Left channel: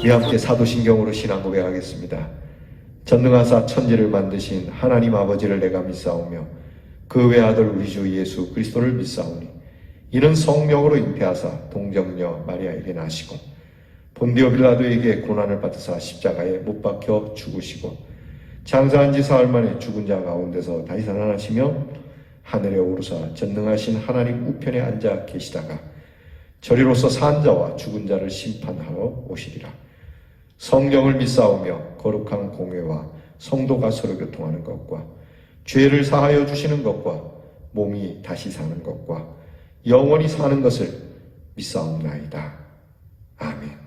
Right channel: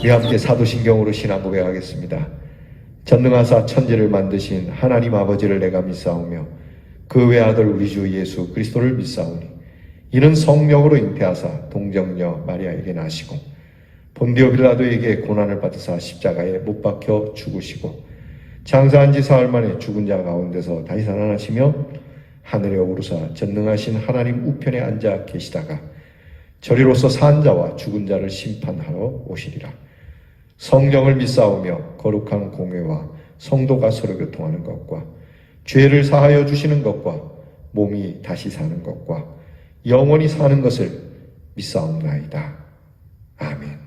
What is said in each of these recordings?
우리 함께 사도신경으로 신앙 고백하겠습니다. 전능하사 천지를 만드신 하나님 아버지를 내가 믿사오며 그 외아들 우리 주 예수 그리스도를 믿사오니 이는 성령으로 잉태하사 동정녀 마리아에게 나시고 본디오 빌라도에게 고난을 받으사 십자가에 못 박혀 죽으시고 장사한 지 사흘 만에 죽은 자 가운데서 다시 살아나시며 하늘에 오르사 전능하신 하나님 우편에 앉아 계시다가 저리로서 산 자와 죽은 자를 심판하러 오시리라. 성령을 믿사오며 거룩한 공회와 성도가 서로 교통하는 것과 죄를 사하여 주시는 것과 몸이 다시 사는 것과 영원히 사는 것을 믿사옵나이다. 아멘.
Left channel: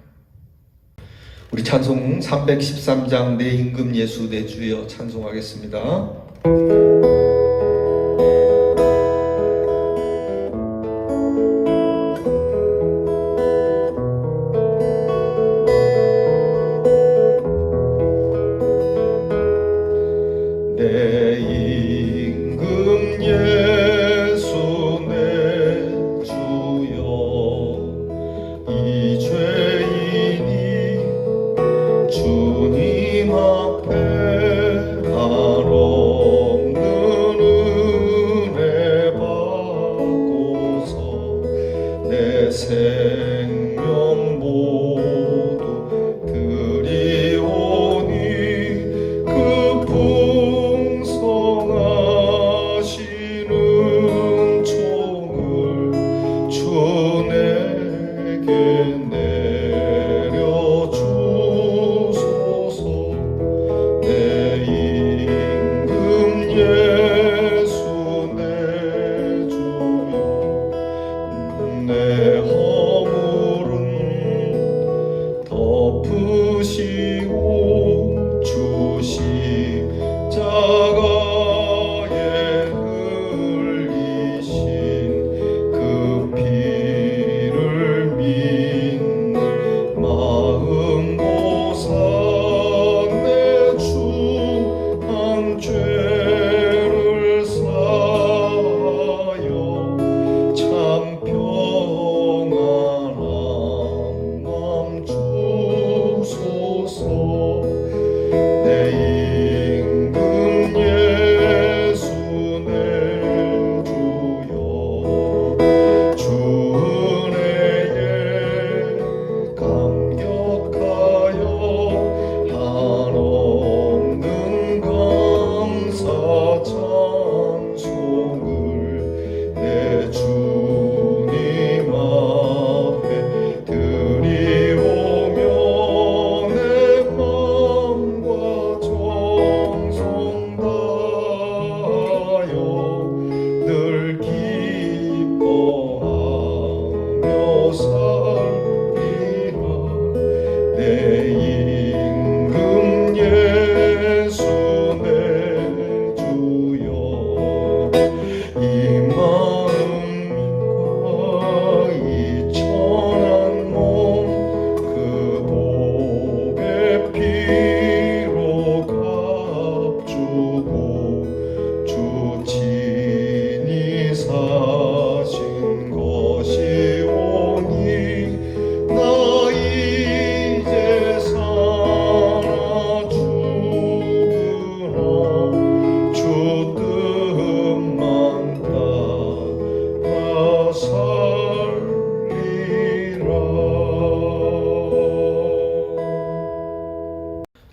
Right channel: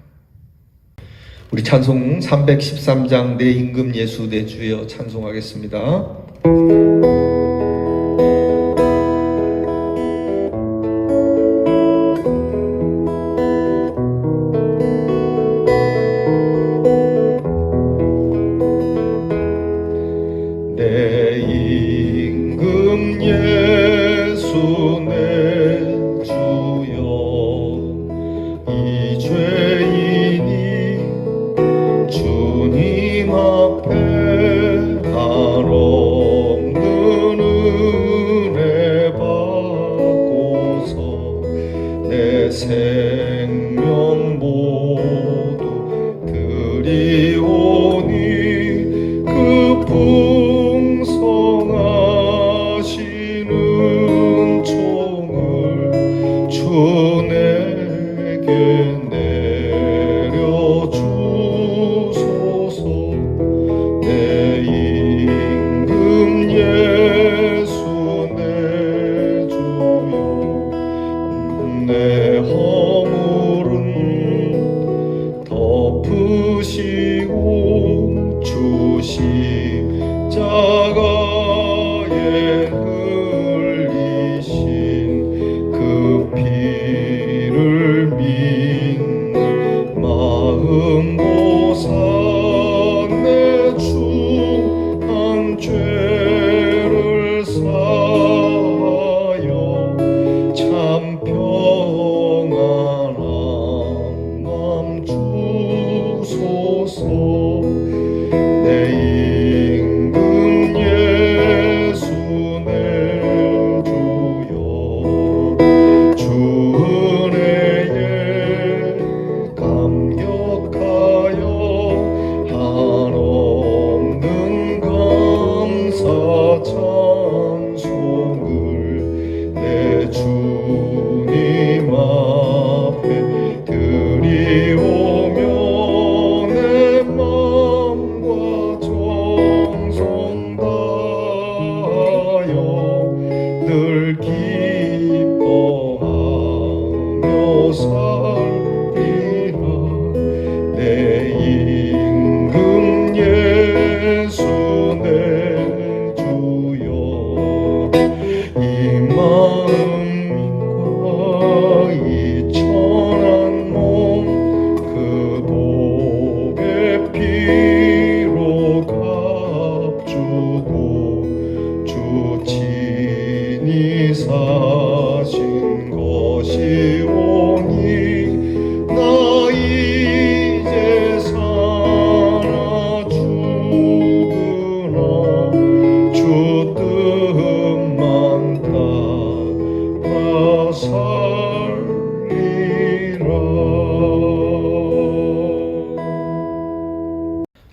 우리 찬송 313장 내 임금 예수 내 주여 찬송하겠습니다.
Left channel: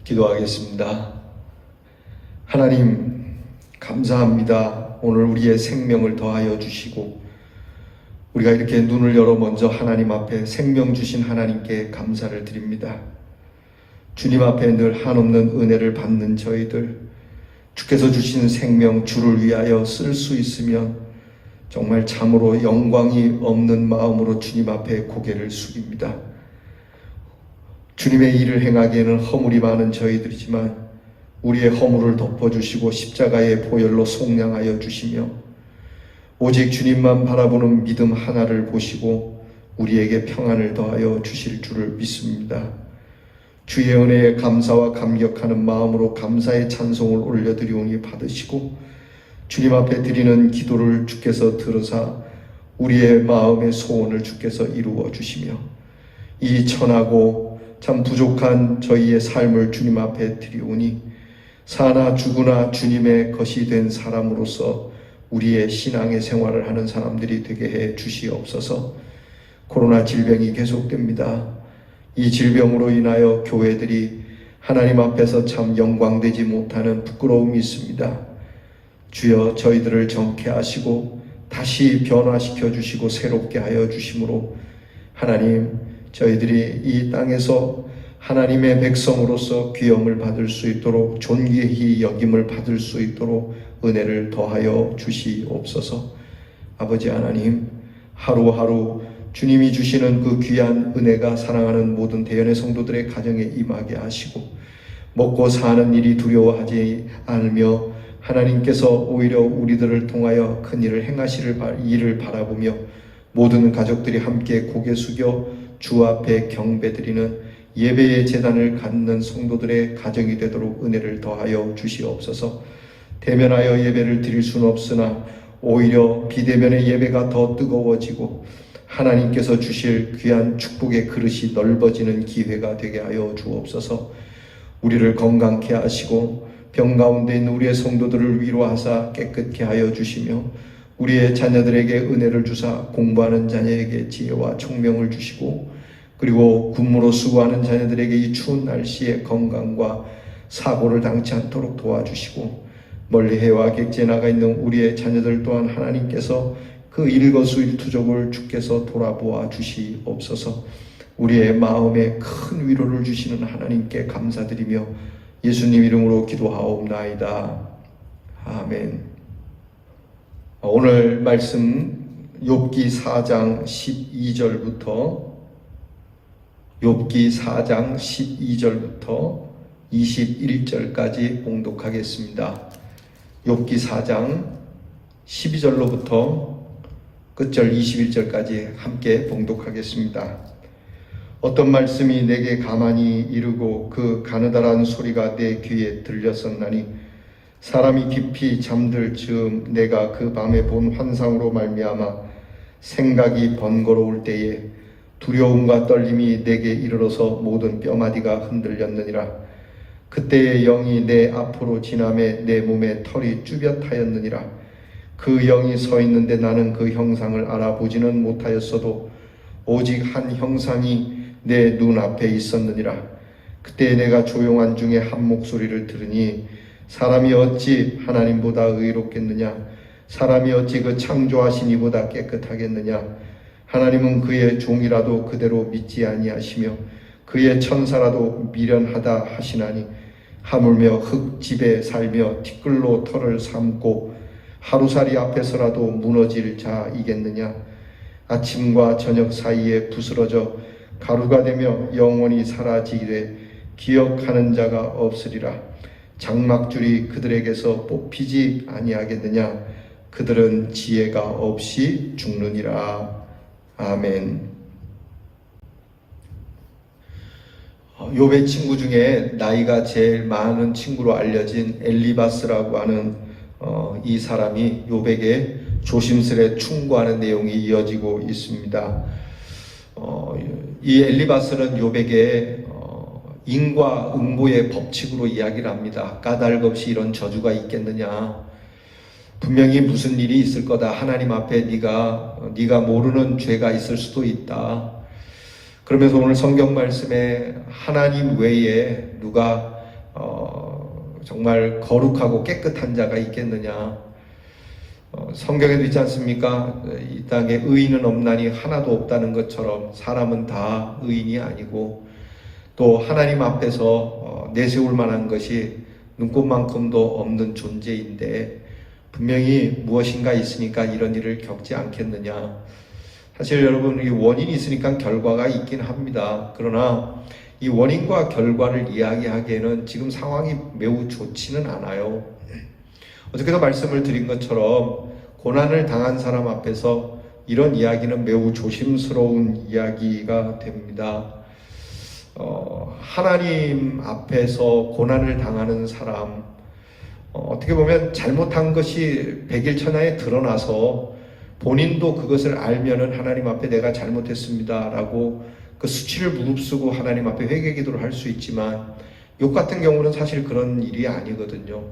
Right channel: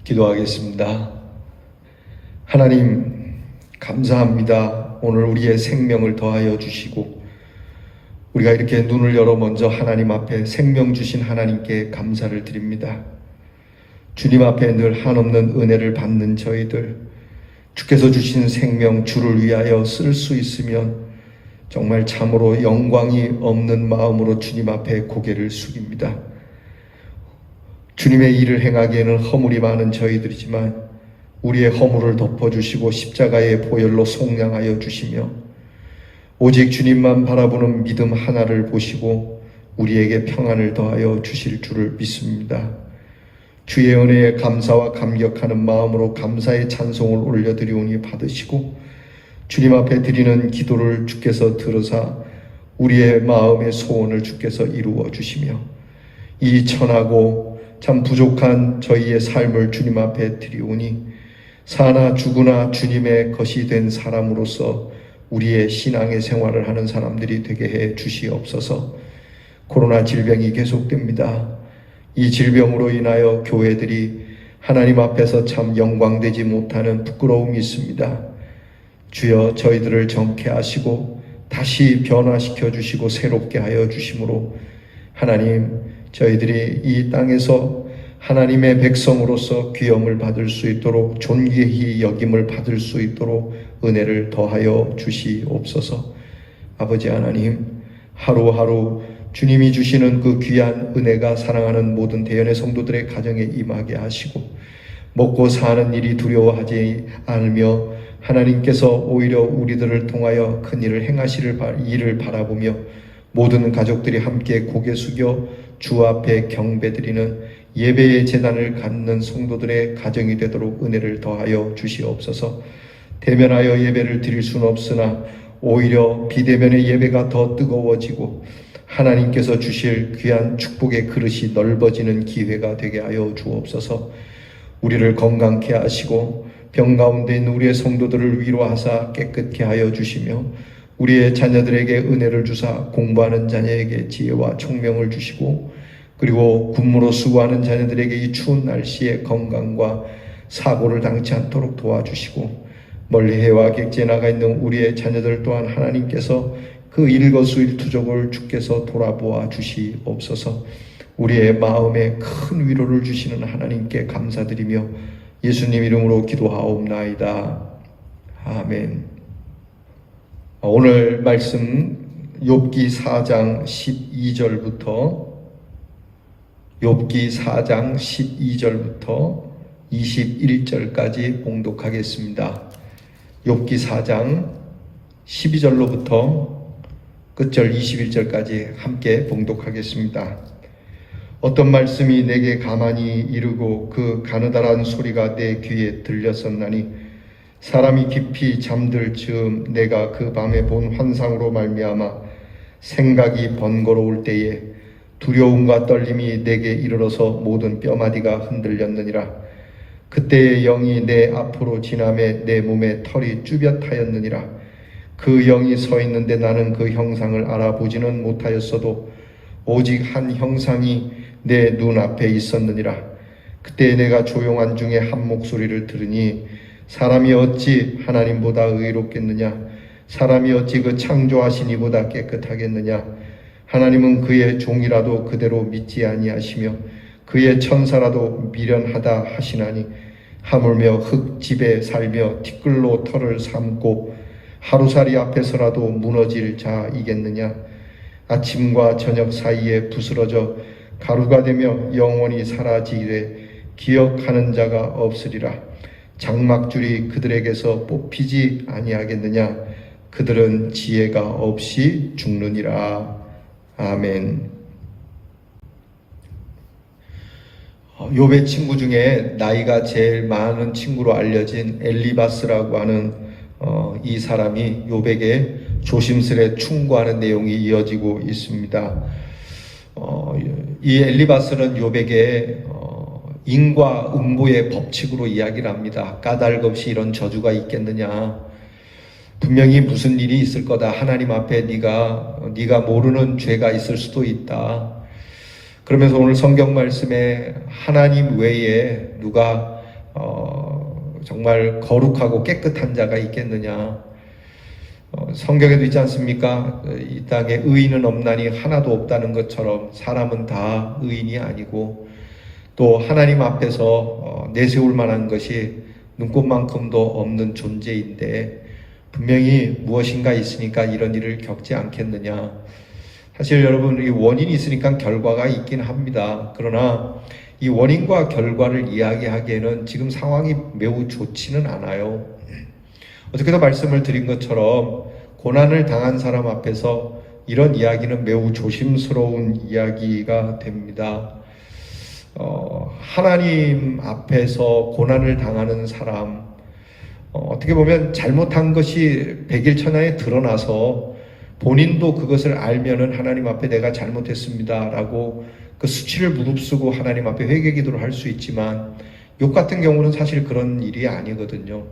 기도하겠습니다. 하나님 감사합니다. 오늘 우리의 생명을 더하여 주시고 우리가 이렇게 눈을 열어 먼저 하나님 앞에 생명 주신 하나님께 감사를 드립니다. 주님 앞에 늘 한없는 은혜를 받는 저희들, 주께서 주신 생명 주를 위하여 쓸 수 있으면 정말 참으로 영광이 없는 마음으로 주님 앞에 고개를 숙입니다. 주님의 일을 행하기에는 허물이 많은 저희들이지만 우리의 허물을 덮어주시고 십자가의 보혈로 속량하여 주시며 오직 주님만 바라보는 믿음 하나를 보시고 우리에게 평안을 더하여 주실 줄을 믿습니다. 주의 은혜에 감사와 감격하는 마음으로 감사의 찬송을 올려드리오니 받으시고 주님 앞에 드리는 기도를 주께서 들으사 우리의 마음의 소원을 주께서 이루어 주시며 이 천하고 참 부족한 저희의 삶을 주님 앞에 드리오니 사나 죽으나 주님의 것이 된 사람으로서 우리의 신앙의 생활을 하는 사람들이 되게 해 주시옵소서. 코로나 질병이 계속됩니다. 이 질병으로 인하여 교회들이 하나님 앞에서 참 영광되지 못하는 부끄러움이 있습니다. 주여 저희들을 정케 하시고 다시 변화시켜 주시고 새롭게 하여 주심으로 하나님 저희들이 이 땅에서 하나님의 백성으로서 귀형을 받을 수 있도록 존귀히 여김을 받을 수 있도록 은혜를 더하여 주시옵소서. 아버지 하나님 하루하루 주님이 주시는 그 귀한 은혜가 사랑하는 모든 대연의 성도들의 가정에 임하게 하시고 먹고 사는 일이 두려워하지 않으며 하나님께서 오히려 우리들을 통하여 큰 일을 행하시를 일을 바라보며 모든 가족들이 함께 고개 숙여 주 앞에 경배드리는 예배의 제단을 갖는 성도들의 가정이 되도록 은혜를 더하여 주시옵소서. 대면하여 예배를 드릴 수는 없으나 오히려 비대면의 예배가 더 뜨거워지고 하나님께서 주실 귀한 축복의 그릇이 넓어지는 기회가 되게 하여 주옵소서. 우리를 건강케 하시고 병 가운데 있는 우리의 성도들을 위로하사 깨끗게 하여 주시며 우리의 자녀들에게 은혜를 주사 공부하는 자녀에게 지혜와 총명을 주시고 그리고 군무로 수고하는 자녀들에게 이 추운 날씨에 건강과 사고를 당치 않도록 도와주시고 멀리 해와 객지에 나가 있는 우리의 자녀들 또한 하나님께서 그 일거수일투족을 주께서 돌아보아 주시옵소서. 우리의 마음에 큰 위로를 주시는 하나님께 감사드리며 예수님 이름으로 기도하옵나이다. 아멘. 오늘 말씀 욥기 4장 12절부터 욥기 4장 12절부터 21절까지 봉독하겠습니다. 욥기 4장 12절로부터 끝절 21절까지 함께 봉독하겠습니다. 어떤 말씀이 내게 가만히 이르고 그 가느다란 소리가 내 귀에 들렸었나니 사람이 깊이 잠들 즈음 내가 그 밤에 본 환상으로 말미암아 생각이 번거로울 때에 두려움과 떨림이 내게 이르러서 모든 뼈마디가 흔들렸느니라. 그때의 영이 내 앞으로 지나매 내 몸에 털이 쭈뼛하였느니라. 그 영이 서 있는데 나는 그 형상을 알아보지는 못하였어도 오직 한 형상이 내 눈앞에 있었느니라. 그때 내가 조용한 중에 한 목소리를 들으니 사람이 어찌 하나님보다 의롭겠느냐? 사람이 어찌 그 창조하신 이보다 깨끗하겠느냐? 하나님은 그의 종이라도 그대로 믿지 아니하시며 그의 천사라도 미련하다 하시나니 하물며 흙집에 살며 티끌로 털을 삼고 하루살이 앞에서라도 무너질 자이겠느냐? 아침과 저녁 사이에 부스러져 가루가 되며 영원히 사라지되 기억하는 자가 없으리라. 장막줄이 그들에게서 뽑히지 아니하겠느냐? 그들은 지혜가 없이 죽느니라. 아멘. 욥의 친구 중에 나이가 제일 많은 친구로 알려진 엘리바스라고 하는 이 사람이 욥에게 조심스레 충고하는 내용이 이어지고 있습니다. 이 엘리바스는 욥에게 인과 응보의 법칙으로 이야기를 합니다. 까닭 없이 이런 저주가 있겠느냐? 분명히 무슨 일이 있을 거다. 하나님 앞에 네가 모르는 죄가 있을 수도 있다. 그러면서 오늘 성경 말씀에 하나님 외에 누가 정말 거룩하고 깨끗한 자가 있겠느냐? 성경에도 있지 않습니까? 이 땅에 의인은 없나니 하나도 없다는 것처럼 사람은 다 의인이 아니고 또 하나님 앞에서 내세울 만한 것이 눈꼽만큼도 없는 존재인데 분명히 무엇인가 있으니까 이런 일을 겪지 않겠느냐. 사실 여러분 이 원인이 있으니까 결과가 있긴 합니다. 그러나 이 원인과 결과를 이야기하기에는 지금 상황이 매우 좋지는 않아요. 어저께도 말씀을 드린 것처럼 고난을 당한 사람 앞에서 이런 이야기는 매우 조심스러운 이야기가 됩니다. 하나님 앞에서 고난을 당하는 사람, 어떻게 보면 잘못한 것이 백일천하에 드러나서 본인도 그것을 알면은 하나님 앞에 내가 잘못했습니다 라고 그 수치를 무릅쓰고 하나님 앞에 회개 기도를 할 수 있지만 욥 같은 경우는 사실 그런 일이 아니거든요.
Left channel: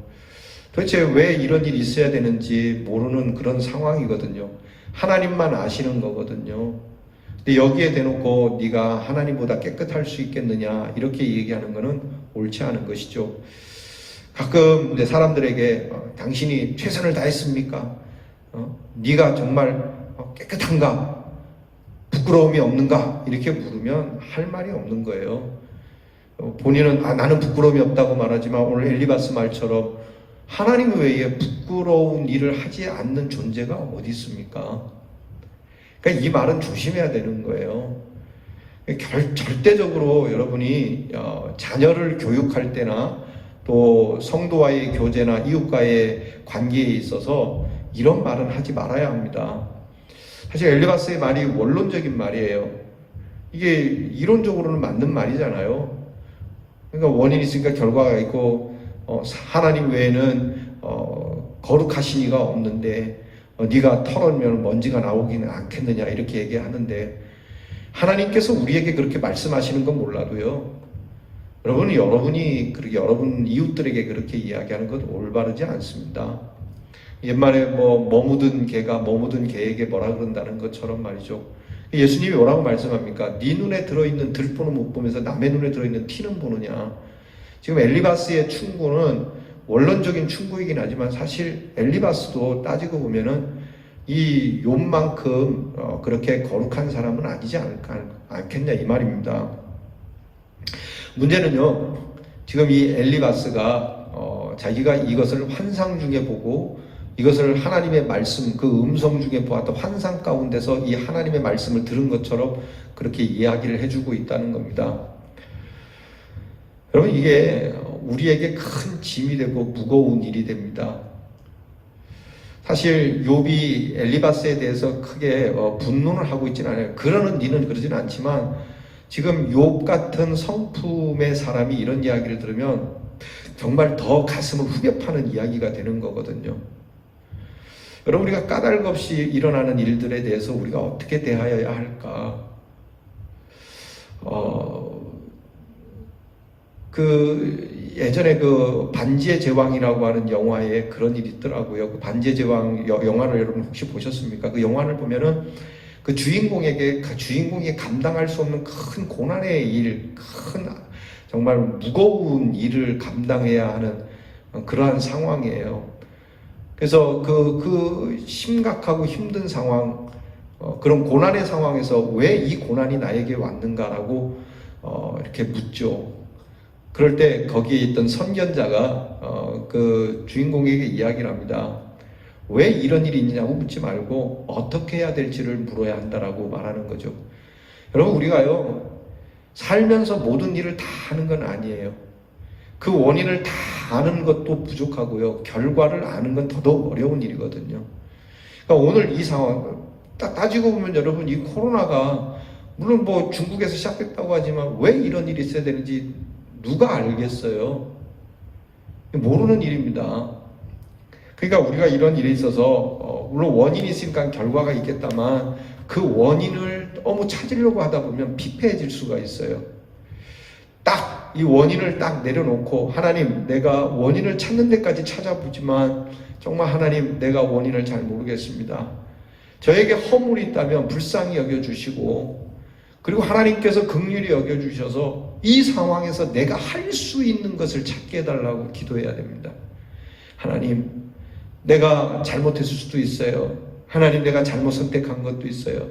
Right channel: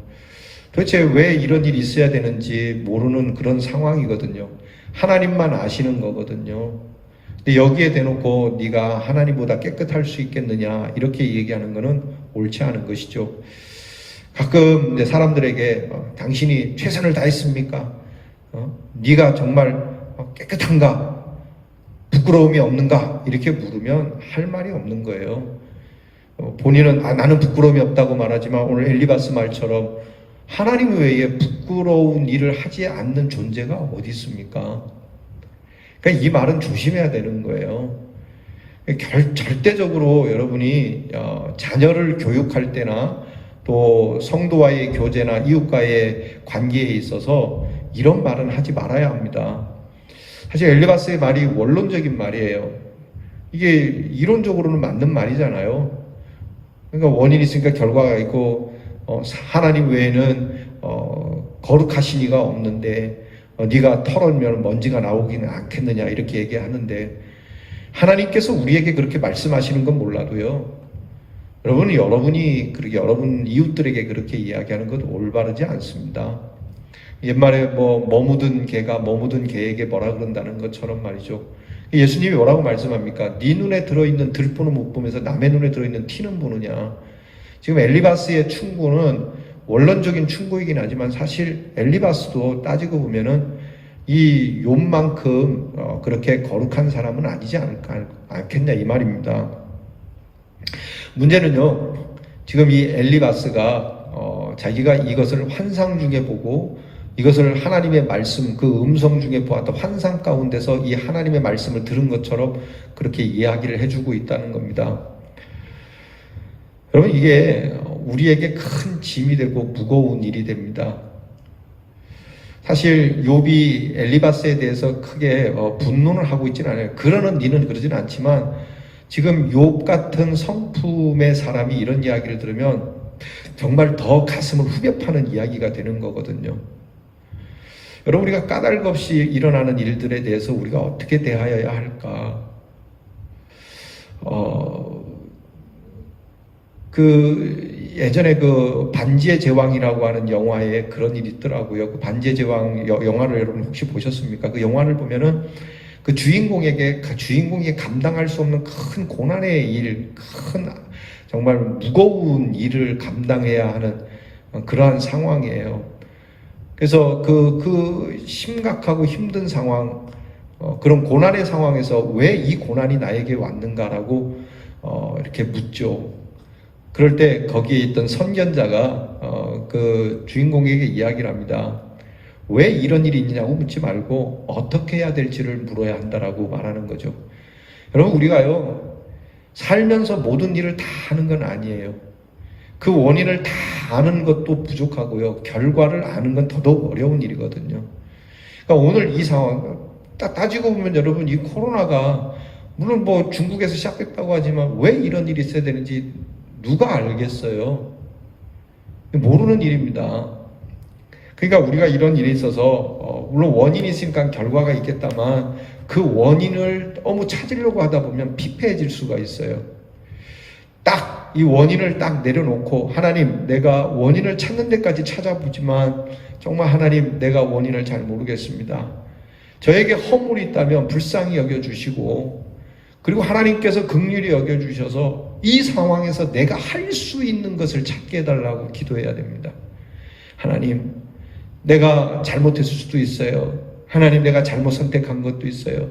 도대체 왜 이런 일이 있어야 되는지 모르는 그런 상황이거든요. 하나님만 아시는 거거든요. 근데 여기에 대놓고 네가 하나님보다 깨끗할 수 있겠느냐 이렇게 얘기하는 것은 옳지 않은 것이죠. 가끔 사람들에게 당신이 최선을 다했습니까? 네가 정말 깨끗한가? 부끄러움이 없는가? 이렇게 물으면 할 말이 없는 거예요. 본인은 나는 부끄러움이 없다고 말하지만 오늘 엘리바스 말처럼 하나님 외에 부끄러운 일을 하지 않는 존재가 어디 있습니까? 그러니까 이 말은 조심해야 되는 거예요. 절대적으로 여러분이 자녀를 교육할 때나 또 성도와의 교제나 이웃과의 관계에 있어서 이런 말은 하지 말아야 합니다. 사실 엘리바스의 말이 원론적인 말이에요. 이게 이론적으로는 맞는 말이잖아요. 그러니까 원인이 있으니까 결과가 있고 하나님 외에는 거룩하신 이가 없는데 네가 털어면 먼지가 나오기는 않겠느냐 이렇게 얘기하는데 하나님께서 우리에게 그렇게 말씀하시는 건 몰라도요. 여러분이 그렇게 여러분 이웃들에게 그렇게 이야기하는 건 올바르지 않습니다. 옛말에 묻은 개가 묻은 개에게 뭐라 그런다는 것처럼 말이죠. 예수님이 뭐라고 말씀합니까? 네 눈에 들어있는 들보는 못 보면서 남의 눈에 들어있는 티는 보느냐. 지금 엘리바스의 충고는 원론적인 충고이긴 하지만 사실 엘리바스도 따지고 보면은 이 욥만큼 그렇게 거룩한 사람은 아니지 않겠냐 이 말입니다. 문제는요, 지금 이 엘리바스가 자기가 이것을 환상 중에 보고 이것을 하나님의 말씀, 그 음성 중에 보았던 환상 가운데서 이 하나님의 말씀을 들은 것처럼 그렇게 이야기를 해주고 있다는 겁니다. 여러분, 이게 우리에게 큰 짐이 되고 무거운 일이 됩니다. 사실 욥이 엘리바스에 대해서 크게 분노를 하고 있지는 않아요. 그러는 니는 그러진 않지만 지금 욥 같은 성품의 사람이 이런 이야기를 들으면 정말 더 가슴을 후벼 파는 이야기가 되는 거거든요. 여러분, 우리가 까닭 없이 일어나는 일들에 대해서 우리가 어떻게 대하여야 할까? 예전에 그 반지의 제왕이라고 하는 영화에 그런 일이 있더라고요. 그 반지의 제왕 영화를 여러분 혹시 보셨습니까? 그 영화를 보면은 그 주인공이 감당할 수 없는 큰 고난의 일, 정말 무거운 일을 감당해야 하는 그러한 상황이에요. 그래서 그 심각하고 힘든 상황, 그런 고난의 상황에서 왜 이 고난이 나에게 왔는가라고 이렇게 묻죠. 그럴 때 거기에 있던 선견자가 그 주인공에게 이야기를 합니다. 왜 이런 일이 있냐고 묻지 말고 어떻게 해야 될지를 물어야 한다라고 말하는 거죠. 여러분, 우리가요 살면서 모든 일을 다 하는 건 아니에요. 그 원인을 다 아는 것도 부족하고요. 결과를 아는 건 더더욱 어려운 일이거든요. 그러니까 오늘 이 상황 따지고 보면 여러분, 이 코로나가 물론 중국에서 시작했다고 하지만 왜 이런 일이 있어야 되는지 누가 알겠어요? 모르는 일입니다. 그러니까 우리가 이런 일에 있어서 물론 원인이 있으니까 결과가 있겠다만 그 원인을 너무 찾으려고 하다 보면 피폐해질 수가 있어요. 딱 이 원인을 딱 내려놓고 하나님, 내가 원인을 찾는 데까지 찾아보지만 정말 하나님, 내가 원인을 잘 모르겠습니다. 저에게 허물이 있다면 불쌍히 여겨주시고 그리고 하나님께서 긍휼히 여겨주셔서 이 상황에서 내가 할 수 있는 것을 찾게 해달라고 기도해야 됩니다. 하나님, 내가 잘못했을 수도 있어요. 하나님, 내가 잘못 선택한 것도 있어요.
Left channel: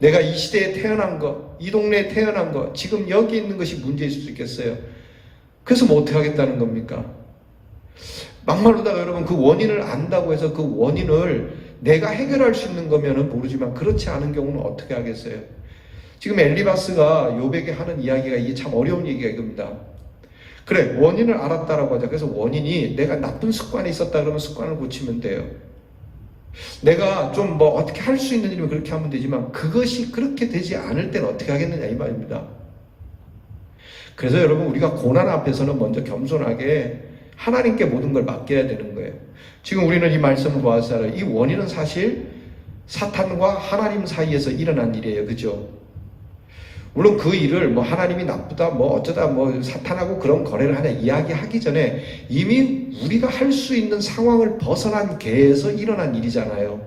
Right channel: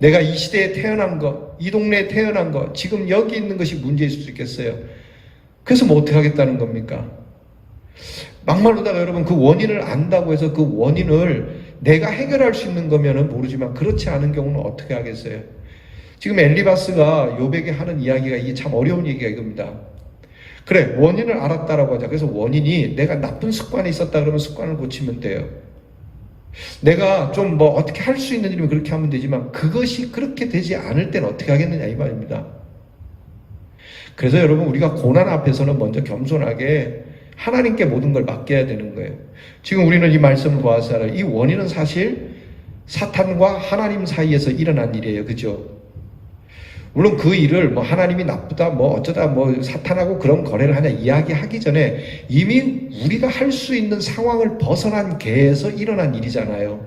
내가 이 시대에 태어난 것, 이 동네에 태어난 것, 지금 여기 있는 것이 문제일 수도 있겠어요. 그래서 어떻게 하겠다는 겁니까? 막말로다가 여러분, 그 원인을 안다고 해서 그 원인을 내가 해결할 수 있는 거면은 모르지만 그렇지 않은 경우는 어떻게 하겠어요? 지금 엘리바스가 욥에게 하는 이야기가 이게 참 어려운 얘기가 이겁니다. 그래, 원인을 알았다라고 하자. 그래서 원인이 내가 나쁜 습관이 있었다 그러면 습관을 고치면 돼요. 내가 좀 어떻게 할 수 있는 일이면 그렇게 하면 되지만 그것이 그렇게 되지 않을 때는 어떻게 하겠느냐 이 말입니다. 그래서 여러분, 우리가 고난 앞에서는 먼저 겸손하게 하나님께 모든 걸 맡겨야 되는 거예요. 지금 우리는 이 말씀을 보았잖아요. 이 원인은 사실 사탄과 하나님 사이에서 일어난 일이에요. 그죠? 물론 그 일을 뭐 하나님이 나쁘다, 뭐 어쩌다 뭐 사탄하고 그런 거래를 하냐 이야기하기 전에 이미 우리가 할 수 있는 상황을 벗어난 계에서 일어난 일이잖아요.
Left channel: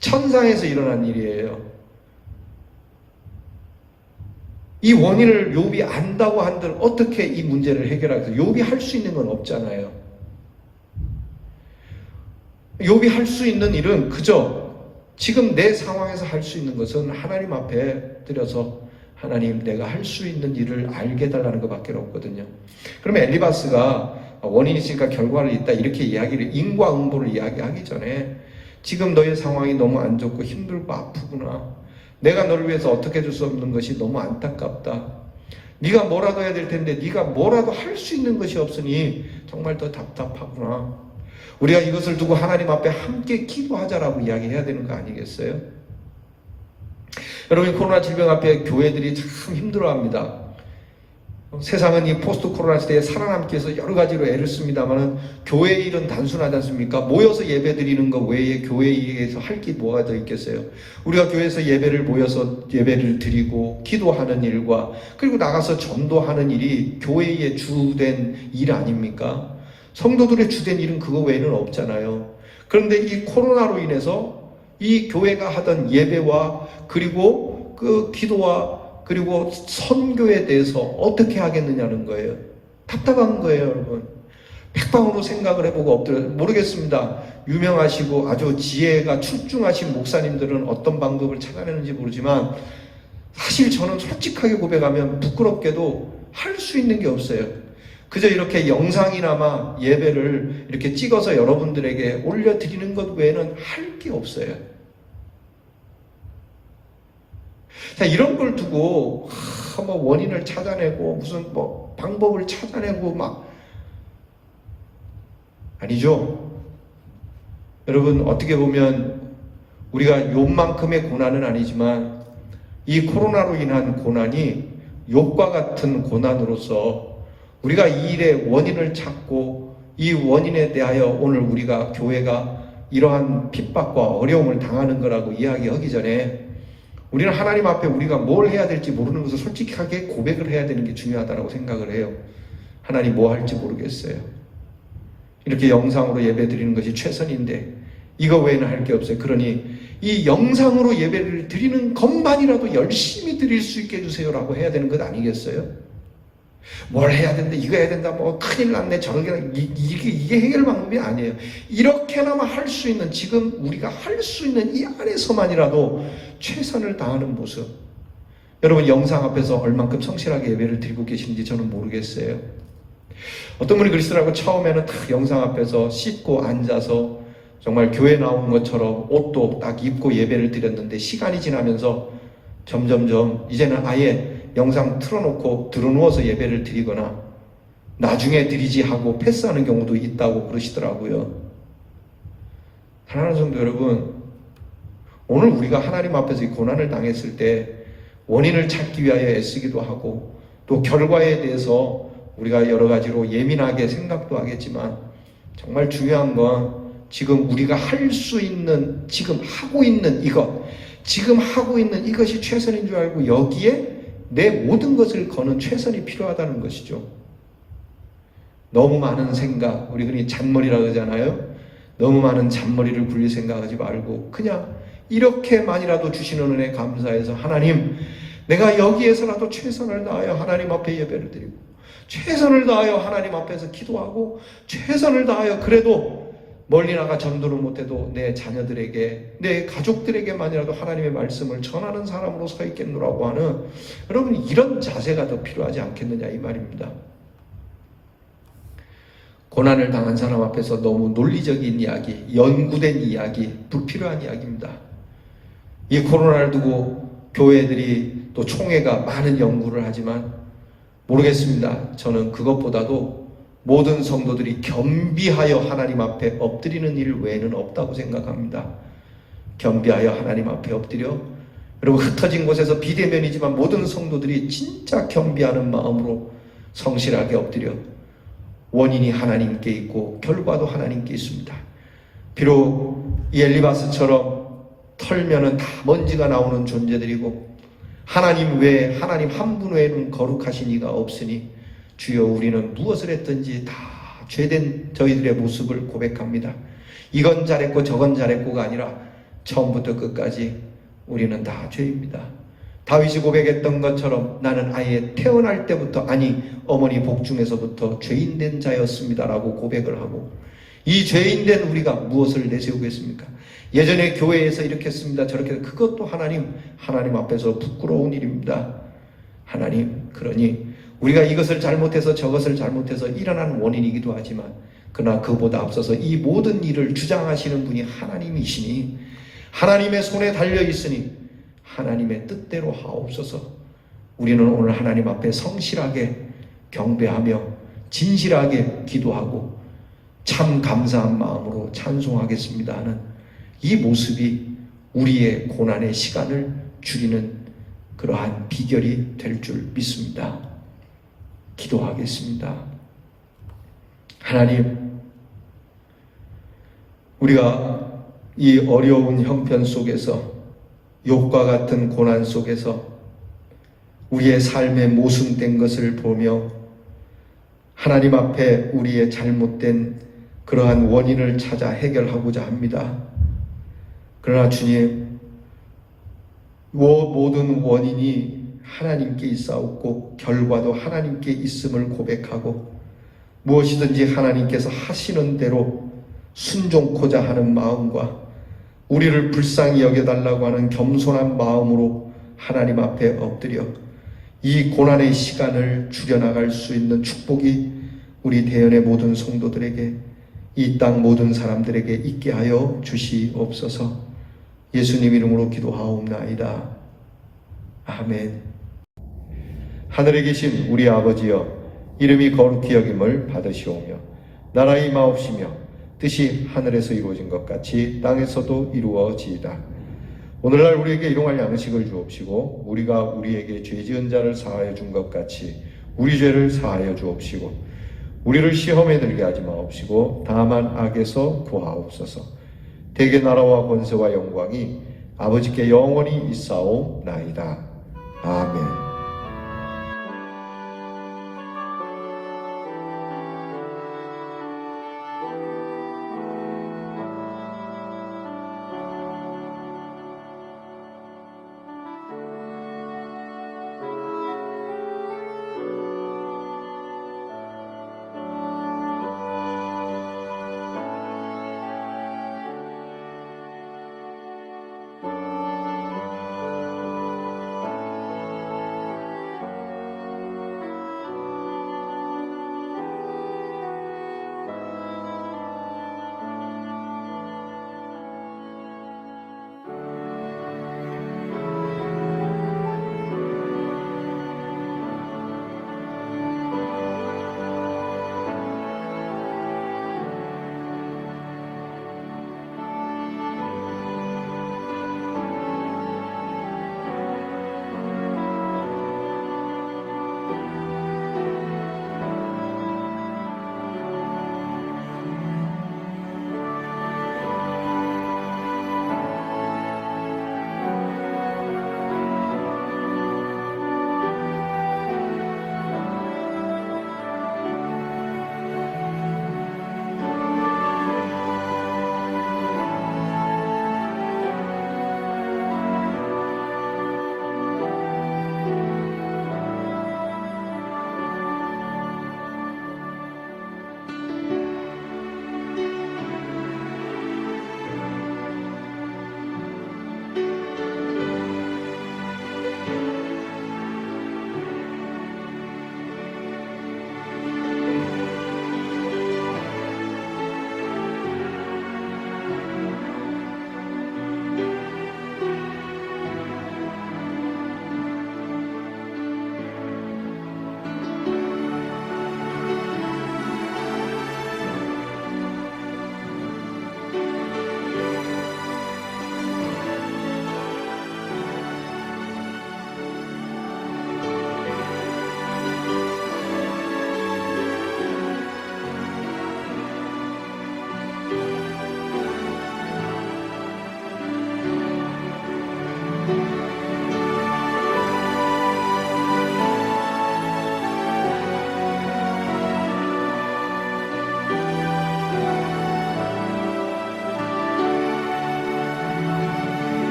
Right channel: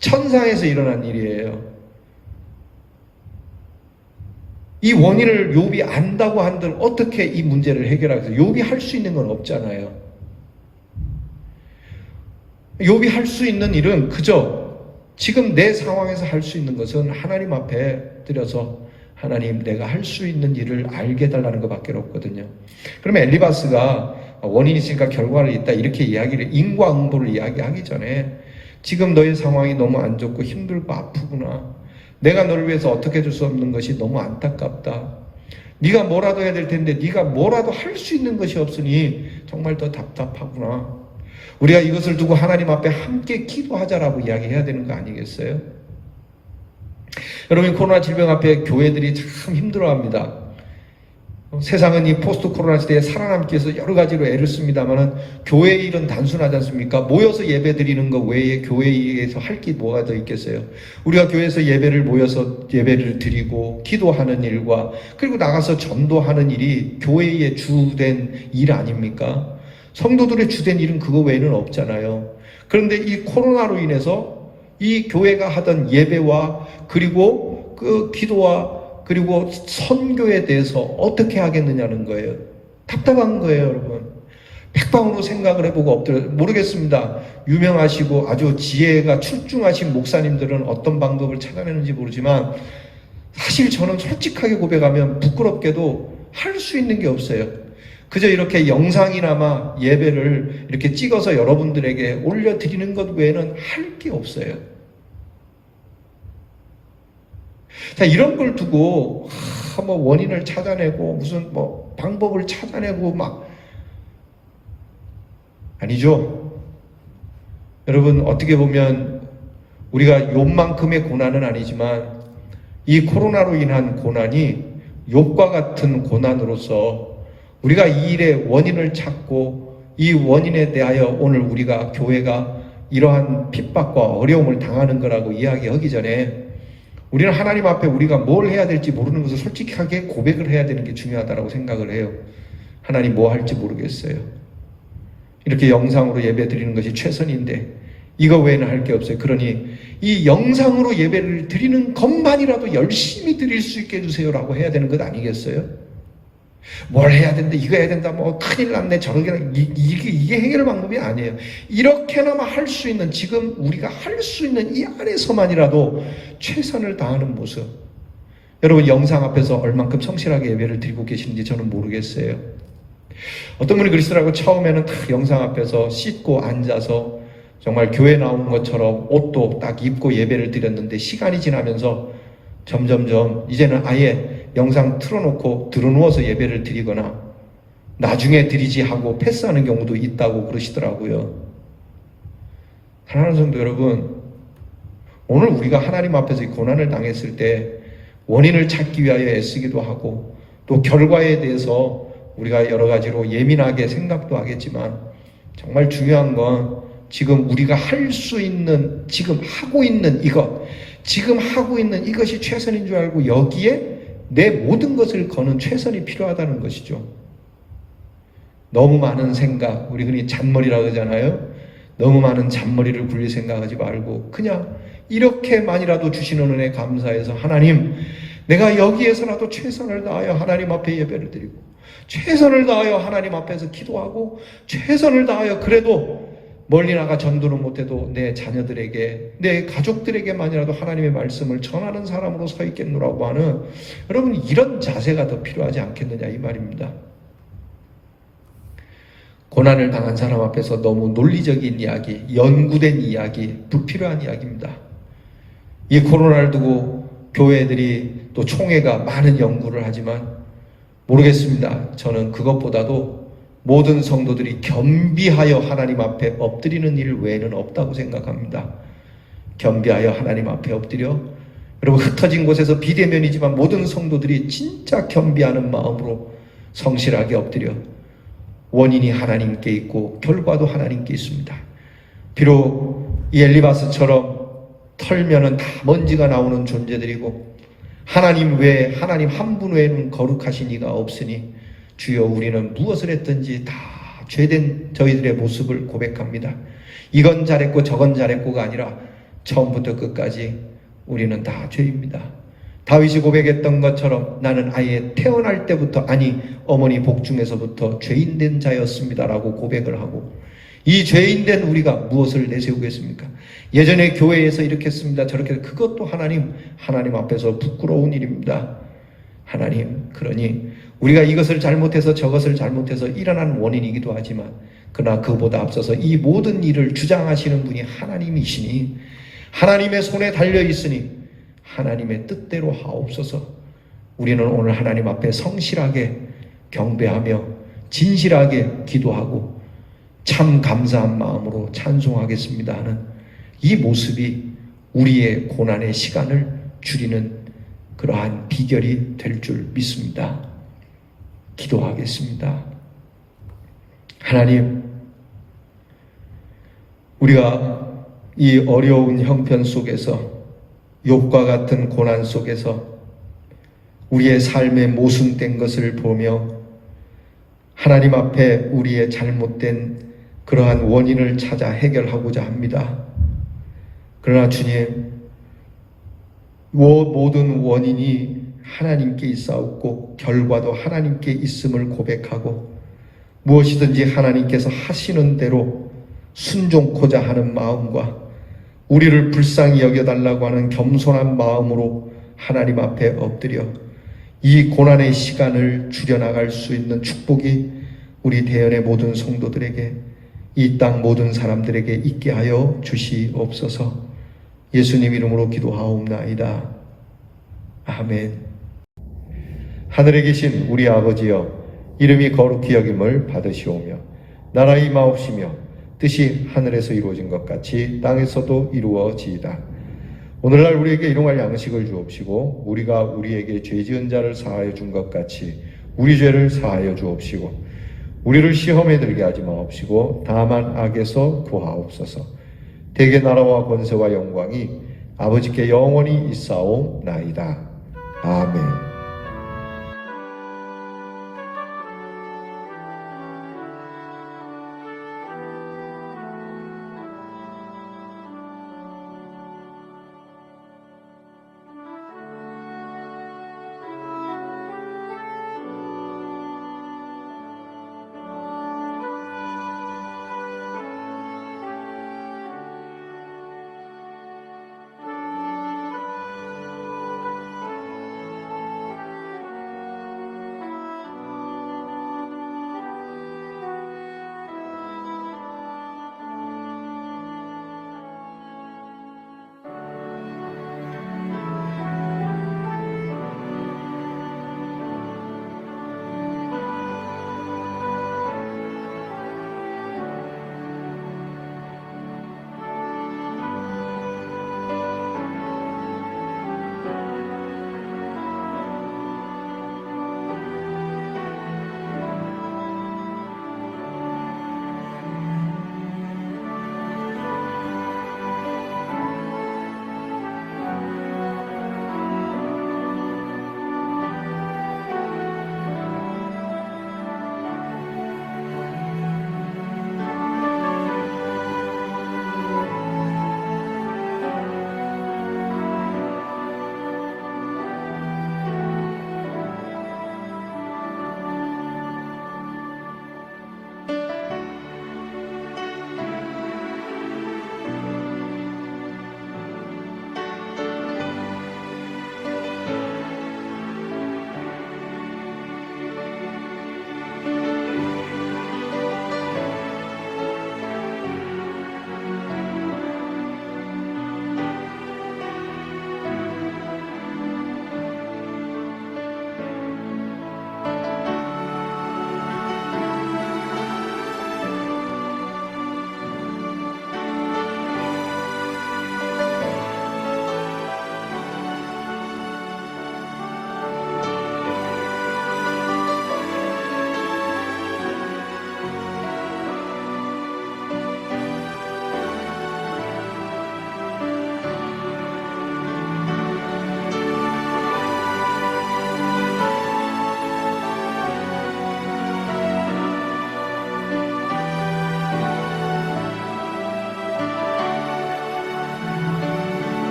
천상에서 일어난 일이에요. 이 원인을 욥이 안다고 한들 어떻게 이 문제를 해결하겠어요? 욥이 할 수 있는 건 없잖아요. 욥이 할 수 있는 일은 그저 지금 내 상황에서 할 수 있는 것은 하나님 앞에 드려서 하나님 내가 할 수 있는 일을 알게 해달라는 것밖에 없거든요. 그러면 엘리바스가 원인이 있으니까 결과를 있다 이렇게 이야기를 인과응보를 이야기하기 전에 지금 너의 상황이 너무 안 좋고 힘들고 아프구나. 내가 너를 위해서 어떻게 해줄 수 없는 것이 너무 안타깝다. 네가 뭐라도 해야 될 텐데 네가 뭐라도 할 수 있는 것이 없으니 정말 더 답답하구나. 우리가 이것을 두고 하나님 앞에 함께 기도하자라고 이야기해야 되는 거 아니겠어요? 여러분 코로나 질병 앞에 교회들이 참 힘들어합니다. 세상은 이 포스트 코로나 시대에 살아남기 위해서 여러 가지로 애를 씁니다만 교회의 일은 단순하지 않습니까? 모여서 예배 드리는 것 외에 교회에서 할 게 뭐가 더 있겠어요? 우리가 교회에서 예배를 모여서 예배를 드리고 기도하는 일과 그리고 나가서 전도하는 일이 교회의 주된 일 아닙니까? 성도들의 주된 일은 그거 외에는 없잖아요. 그런데 이 코로나로 인해서 이 교회가 하던 예배와 그리고 그 기도와 그리고 선교에 대해서 어떻게 하겠느냐는 거예요. 답답한 거예요, 여러분. 백방으로 생각을 해보고 엎드려 모르겠습니다. 유명하시고 아주 지혜가 출중하신 목사님들은 어떤 방법을 찾아내는지 모르지만 사실 저는 솔직하게 고백하면 부끄럽게도 할 수 있는 게 없어요. 그저 이렇게 영상이나마 예배를 이렇게 찍어서 여러분들에게 올려드리는 것 외에는 할 게 없어요. 자, 이런 걸 두고 뭐 원인을 찾아내고 무슨 뭐 방법을 찾아내고 막 아니죠. 여러분 어떻게 보면 우리가 욥만큼의 고난은 아니지만 이 코로나로 인한 고난이 욥과 같은 고난으로서 우리가 이 일의 원인을 찾고 이 원인에 대하여 오늘 우리가 교회가 이러한 핍박과 어려움을 당하는 거라고 이야기하기 전에 우리는 하나님 앞에 우리가 뭘 해야 될지 모르는 것을 솔직하게 고백을 해야 되는 게 중요하다고 생각을 해요. 하나님 뭐 할지 모르겠어요. 이렇게 영상으로 예배 드리는 것이 최선인데 이거 외에는 할 게 없어요. 그러니 이 영상으로 예배를 드리는 것만이라도 열심히 드릴 수 있게 해주세요라고 해야 되는 것 아니겠어요? 뭘 해야 된다, 이거 해야 된다, 뭐 큰일 났네, 저런 게 이게 해결 방법이 아니에요. 이렇게나마 할 수 있는 지금 우리가 할 수 있는 이 안에서만이라도 최선을 다하는 모습. 여러분 영상 앞에서 얼만큼 성실하게 예배를 드리고 계신지 저는 모르겠어요. 어떤 분이 그리스도라고 처음에는 딱 영상 앞에서 씻고 앉아서 정말 교회 나온 것처럼 옷도 딱 입고 예배를 드렸는데 시간이 지나면서 점점점 이제는 아예 영상 틀어놓고 들어누워서 예배를 드리거나 나중에 드리지 하고 패스하는 경우도 있다고 그러시더라고요. 사랑하는 성도 여러분, 오늘 우리가 하나님 앞에서 고난을 당했을 때 원인을 찾기 위하여 애쓰기도 하고 또 결과에 대해서 우리가 여러 가지로 예민하게 생각도 하겠지만 정말 중요한 건 지금 우리가 할 수 있는 지금 하고 있는 이것이 최선인 줄 알고 여기에 내 모든 것을 거는 최선이 필요하다는 것이죠. 너무 많은 생각, 우리 흔히 잔머리라고 하잖아요. 너무 많은 잔머리를 굴릴 생각하지 말고 그냥 이렇게만이라도 주시는 은혜 감사해서 하나님, 내가 여기에서라도 최선을 다하여 하나님 앞에 예배를 드리고 최선을 다하여 하나님 앞에서 기도하고 최선을 다하여 그래도 멀리 나가 전도는 못해도 내 자녀들에게 내 가족들에게만이라도 하나님의 말씀을 전하는 사람으로 서 있겠노라고 하는 여러분 이런 자세가 더 필요하지 않겠느냐 이 말입니다. 고난을 당한 사람 앞에서 너무 논리적인 이야기, 연구된 이야기, 불필요한 이야기입니다. 이 코로나를 두고 교회들이 또 총회가 많은 연구를 하지만 모르겠습니다. 저는 그것보다도 모든 성도들이 겸비하여 하나님 앞에 엎드리는 일 외에는 없다고 생각합니다. 겸비하여 하나님 앞에 엎드려 여러분 흩어진 곳에서 비대면이지만 모든 성도들이 진짜 겸비하는 마음으로 성실하게 엎드려 원인이 하나님께 있고 결과도 하나님께 있습니다. 비록 이 엘리바스처럼 털면은 다 먼지가 나오는 존재들이고 하나님 외에, 하나님 한 분 외에는 거룩하신 이가 없으니 주여 우리는 무엇을 했든지 다 죄된 저희들의 모습을 고백합니다. 이건 잘했고 저건 잘했고가 아니라 처음부터 끝까지 우리는 다 죄입니다. 다윗이 고백했던 것처럼 나는 아예 태어날 때부터, 아니 어머니 복중에서부터 죄인된 자였습니다라고 고백을 하고, 이 죄인된 우리가 무엇을 내세우겠습니까? 예전에 교회에서 이렇게 했습니다, 저렇게, 그것도 하나님 앞에서 부끄러운 일입니다. 하나님, 그러니 우리가 이것을 잘못해서 저것을 잘못해서 일어난 원인이기도 하지만, 그러나 그보다 앞서서 이 모든 일을 주장하시는 분이 하나님이시니 하나님의 손에 달려있으니 하나님의 뜻대로 하옵소서. 우리는 오늘 하나님 앞에 성실하게 경배하며 진실하게 기도하고 참 감사한 마음으로 찬송하겠습니다 하는 이 모습이 우리의 고난의 시간을 줄이는 그러한 비결이 될 줄 믿습니다. 기도하겠습니다. 하나님, 우리가 이 어려운 형편 속에서, 욥과 같은 고난 속에서 우리의 삶의 모순된 것을 보며 하나님 앞에 우리의 잘못된 그러한 원인을 찾아 해결하고자 합니다. 그러나 주님, 모든 원인이 하나님께 있사옵고 결과도 하나님께 있음을 고백하고 무엇이든지 하나님께서 하시는 대로 순종코자 하는 마음과 우리를 불쌍히 여겨달라고 하는 겸손한 마음으로 하나님 앞에 엎드려 이 고난의 시간을 줄여나갈 수 있는 축복이 우리 대연의 모든 성도들에게, 이 땅 모든 사람들에게 있게 하여 주시옵소서. 예수님 이름으로 기도하옵나이다. 아멘. 하늘에 계신 우리 아버지여, 이름이 거룩히 여김을 받으시오며 나라의 임하옵시며 뜻이 하늘에서 이루어진 것 같이 땅에서도 이루어지이다. 오늘날 우리에게 일용할 양식을 주옵시고 우리가 우리에게 죄 지은 자를 사하여 준 것 같이 우리 죄를 사하여 주옵시고 우리를 시험에 들게 하지 마옵시고 다만 악에서 구하옵소서. 대개 나라와 권세와 영광이 아버지께 영원히 있사오나이다.